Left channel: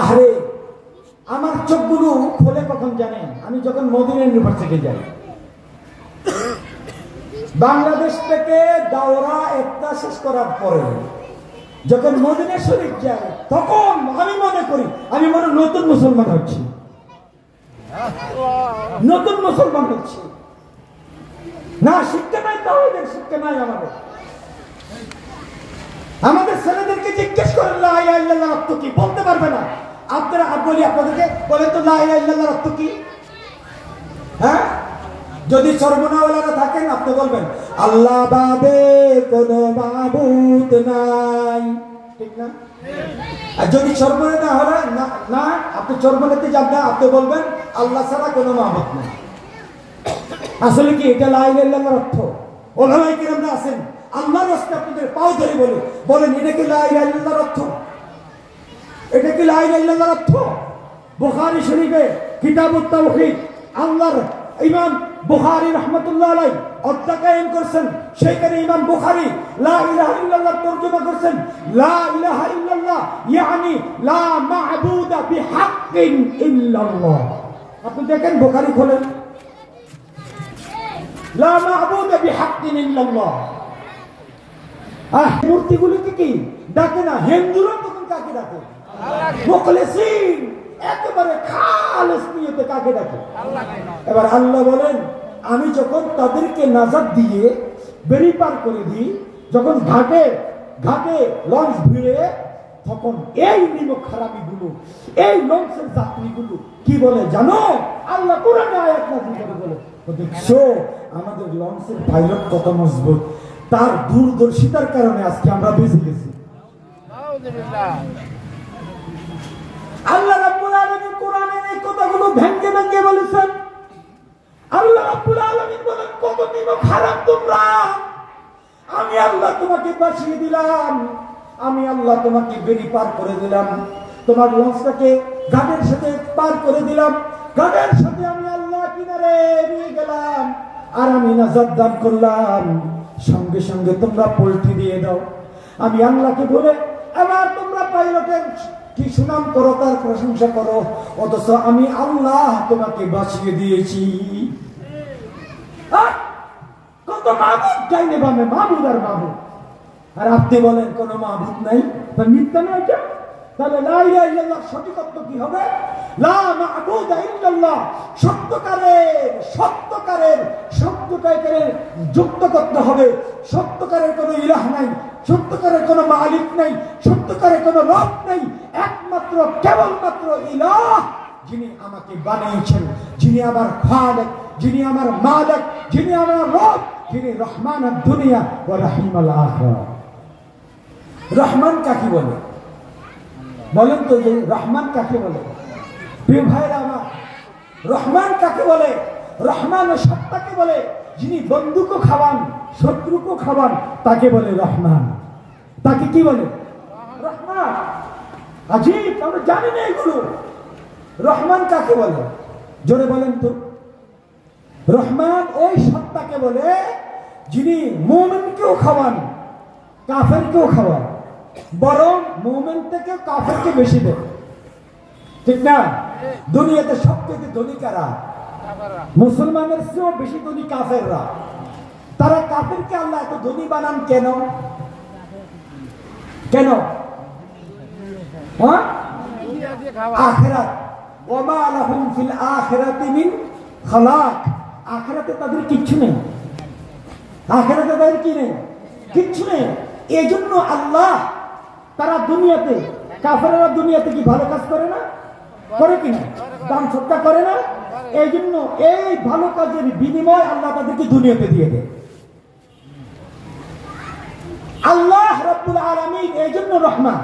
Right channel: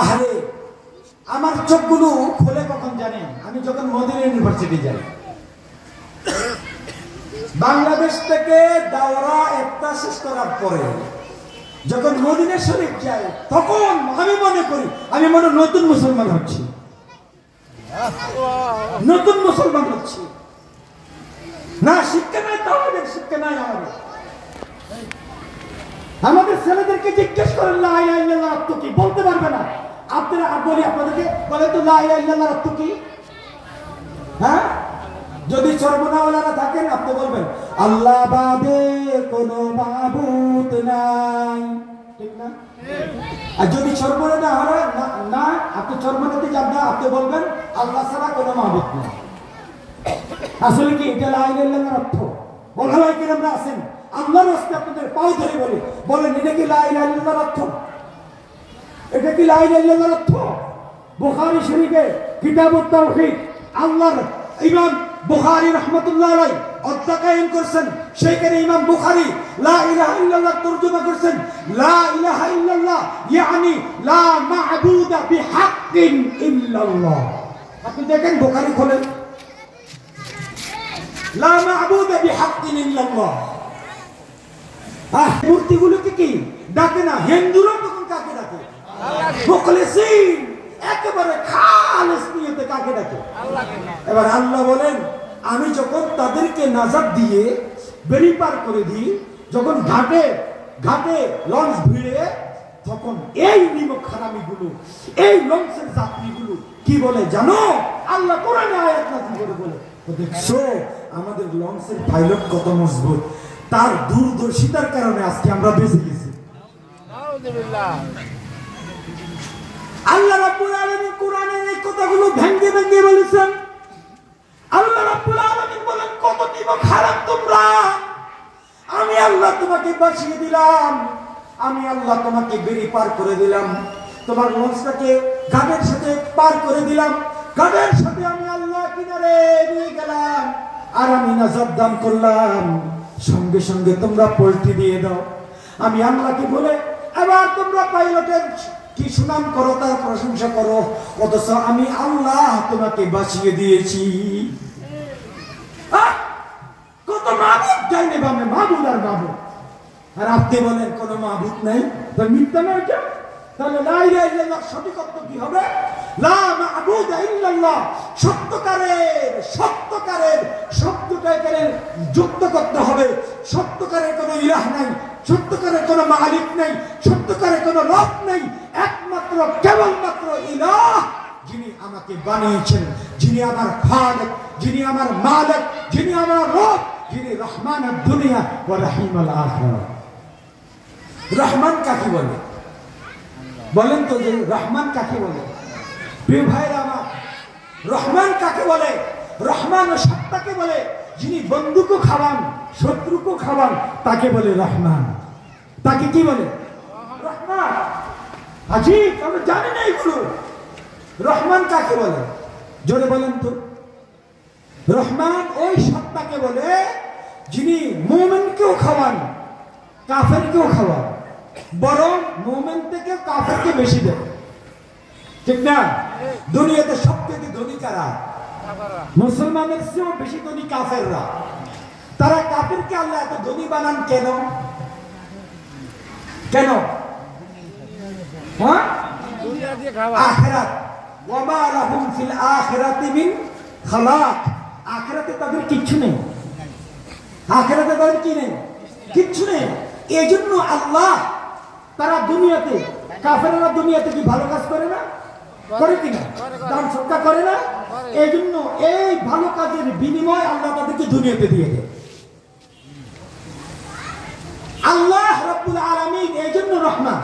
আহারে আমার চোখগুলো খোলে কখন জানেন? আমি যখন মদিনা ইউনিভার্সিটি যাই, বাংলাদেশ থেকে দাওরা একটা শেষ করার পরে যখন মদিনা শরীফ যাই, তখন আমি মনে করি আমি মনে নতুন মুসলমান হচ্ছি, নতুন মুসলমান হচ্ছি। না শিক্ষা নাই, তাওহীদের শিক্ষা নাই আমাদের। আমাদের ছেলেদেরকে জিজ্ঞেস করেন লা ইলাহা ইল্লাল্লাহ অর্থ কি, বলতে পারবে না। আপনারা বলি আপনাদেরকে বলেন তো লা ইলাহা ইল্লাল্লাহ অর্থ কি? হ্যাঁ, যদি সর্বনাওয়ালারা থাকেন আপনি বলবেন আল্লাহ বাদে কোনো মাবুদ নাই, ঠিক না? আর যদি সর্বনা না হয় না, আপনি সর্বনাতে যান না, আপনি বলবেন আল্লাহ ছাড়া কোনো মাবুদ নাই। আসলে কি এটা লা ইলাহা ইল্লাল্লাহর অর্থ? ওলামায়ে কেরামরা আছেন, আল্লাহর রাস্তে আপনাদের পাও ধরে বলেন এটা কি লা ইলাহা ইল্লাল্লাহর অর্থ? এটা কি লা ইলাহা ইল্লাল্লাহর অর্থ? বুখারী শরীফে কিতাবুত তাওহীদ আল্লাহর ইমাম বুখারী রাহমাতুল্লাহ আলাইহি অধ্যায় কায়েম করেছেন। সেখানে ইমাম বুখারী লা ইলাহা ইল্লাল্লাহ তরজমা করেছেন লা ইলাহা ইল্লাল্লাহ ইয়ানি লা মা'বুদা বিহাক্কিন ইল্লাল্লাহ। আপনি দেখেন বুখারী খোলেন, লা মা'বুদা বিহাক্কিন ইল্লাল্লাহ। মূর্তিগুলোকে কি ডাকে না? হিন্দুরা তখন কাকে ডাকে? মুখলিসিন, একেবারে খালেস নিয়তে কাকে ডাকে? এবার আল্লাহ বলেন আমি যখন তাদেরকে নাজাত দিয়ে বেরি পার করে দিই, যখন ঘাটে ঘাটে লঞ্চ ভিড়ে, তখন এই নিমক হারামিগুলো, এই লঞ্চের যাত্রীগুলো কি বলে জানো? আল্লাহ কোরআনে আয়াত নাযিল করে বলে, দেখছো আমাদের লঞ্চের পাইলট কত মজবুত, তার দূরদর্শিতার কারণে আজকে আমরা বেঁচে গেছি। আল্লাহ রাব্বুল আলামিন কোরআনের এই কথাগুলো ভেঙ্গে ভেঙ্গে বলেছেন। আল্লাহ রাব্বুল আলামিন বলেন কত নিমক হারাম তোমরা, আমি আল্লাহ তোমাকে বাঁচিয়ে দিলাম, আমি আল্লাহ তোমাকে বেরি পার করে দিলাম, তোমার লঞ্চটাকে ঘাটের সাথে পার করে দিলাম, ঘাটের সাথে আমি আল্লাহ কিনারে নিয়ে গেলাম, আর আমি নাজাত দান করলাম, সঙ্গে সঙ্গে তোমরা পল্টি দিয়ে দাও। আমি আল্লাহকে বলে এবার তোমরা পাইলটের কি সুনাম করো, তার প্রশংসা করো, অথচ আমি আল্লাহ তোমাকে বাঁচিয়ে দিয়েছি। কত মাবুদ যাইনি বামে, মাবুদ আর মাবুদ, আর আপনি বলেন কোন মাবুদ নাই, তা মিথ্যা নয় কেন? তাহলে লা ইলাহা ইল্লাল্লাহ সঠিক অর্থ কি হবে? লা মা'বুদা ইল্লাল্লাহ, সত্যকারের সত্যকারের শব্দটাকে যুক্ত করতে হবে। সত্যকারের কোনো ইলাহ নাই, সত্যকারের কোনো মালিক নাই, সত্যকারের কোনো রব নাই, একমাত্র কেবলমাত্র ইলাহ, যিনি আমাকে বানিয়েছেন, যিনি আমার খালিক, যিনি আমার মালিক, যিনি আমার রব, যিনি রহমানুদ দুনিয়া ওয়া রহিমুল আখিরা। রহমান কাকে বলে বলেন তো? যে রহমান কাকে বলে? প্রিয় ভাইরা আমার, রহমান কাকে বলে? রহমান ও সত্তাকে বলে, যিনি বন্ধুকে খাওয়ান, শত্রুকে খাওয়ান, তাকে বলে রহমান। তাকে কি বলে? রহমান। আজীব, আমরা জানি না এগুলো। রহমান কাকে বলে জোরে বলেন তো? রহমান ওই সত্তাকে বলে যিনি মুমিনকেও খাওয়ান, কাফেরকেও খাওয়ান, বরং মুমিন থেকে কাফেরকে বেশি দেয়, ঠিক না? দুনিয়াতে সবথেকে ধনী কারা? মুসলমানের চেয়েও বেশি ধনী কাফেররা। তারা কাফেরকে আল্লাহ এত ধনী বানান কেন? কেন? হ্যাঁ, আখিরাত, ওয়া মা লাহুম ফিল আখিরাতি মিন খালাক। আখিরাতে তাদের কিচ্ছু নেই, আখিরাতে তাদের কি নেই? কিচ্ছু নেই। এজন্য আল্লাহ তারা দুনিয়াতে, কাফেররা দুনিয়াতে কি ভালো কাজ করে না? করে কিনা? দান সদকা করে না? এই জন্য এই ভালো কাজের বিনিময় আল্লাহ তাদেরকে দুনিয়াতে দিয়ে দেয়। আল্লাহ রাব্বুল আলামিন এই জন্য রহমান।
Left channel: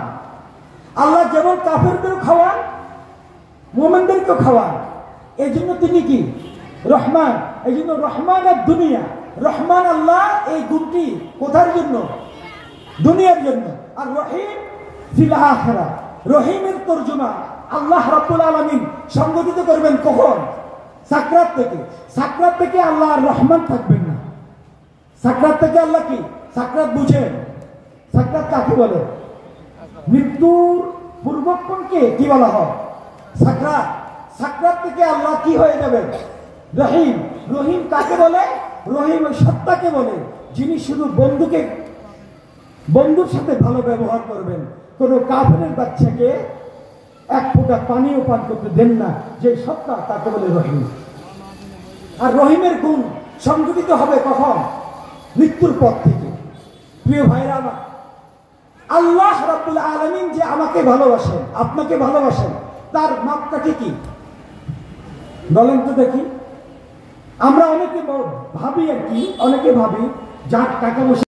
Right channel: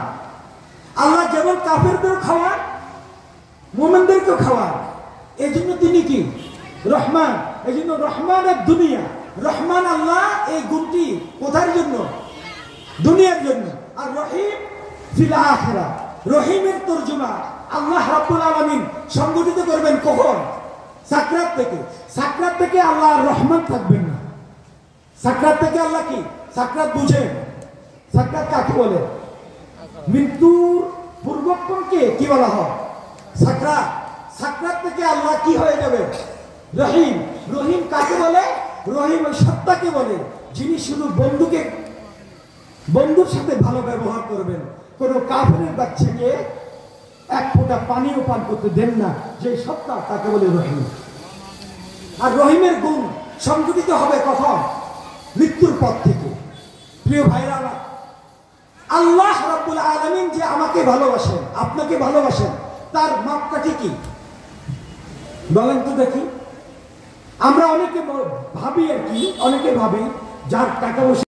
আল্লাহ যেমন কাফেরদের খাওয়ান, মুমিনদেরকে খাওয়ান, এই জন্য তিনি কি? রহমান। এই জন্য রহমান আর দুনিয়া, রহমান আল্লাহ এই গুণটি কোথার জন্য? দুনিয়ার জন্য। আর রহিম ফিল আখিরা, রহিমের তরজমা আল্লাহ রাব্বুল আলামিন সংগঠিত করবেন কখন? সাকরাত থেকে। সাকরাত থেকে আল্লাহ আর রহমান থাকবেন না। সাকরাত থেকে আল্লাহ কি? সাকরাত বুঝেন? সাকরাত কাকে বলে? মৃত্যুর পূর্ব সংরক্ষণকে কি বলা হয়? সাকরাত। সাকরাত থেকে আল্লাহ কি হয়ে যাবে? রহিম। রহিম কাকে বলে? রহিম ওই সত্তাকে বলে যিনি শুধু বন্ধুর সাথে ভালো ব্যবহার করবেন, কোনো কাফেরের বাচ্চাকে এক ফোঁটা পানিও পান করতে দেন না, যে সত্তা তাকে বলে রহিম। আর রহিমের গুণ সংঘটিত হবে কখন? মৃত্যুর পর থেকে। প্রিয় ভাইরা আমার, আল্লাহ রাব্বুল আলামিন যে আমাকে ভালোবাসেন, আপনাকে ভালোবাসেন, তার মাপকাঠি কি বলেন তো দেখি? আমরা অনেকে ভাবি আর কি, অনেকে ভাবি যার টাকা পয়সা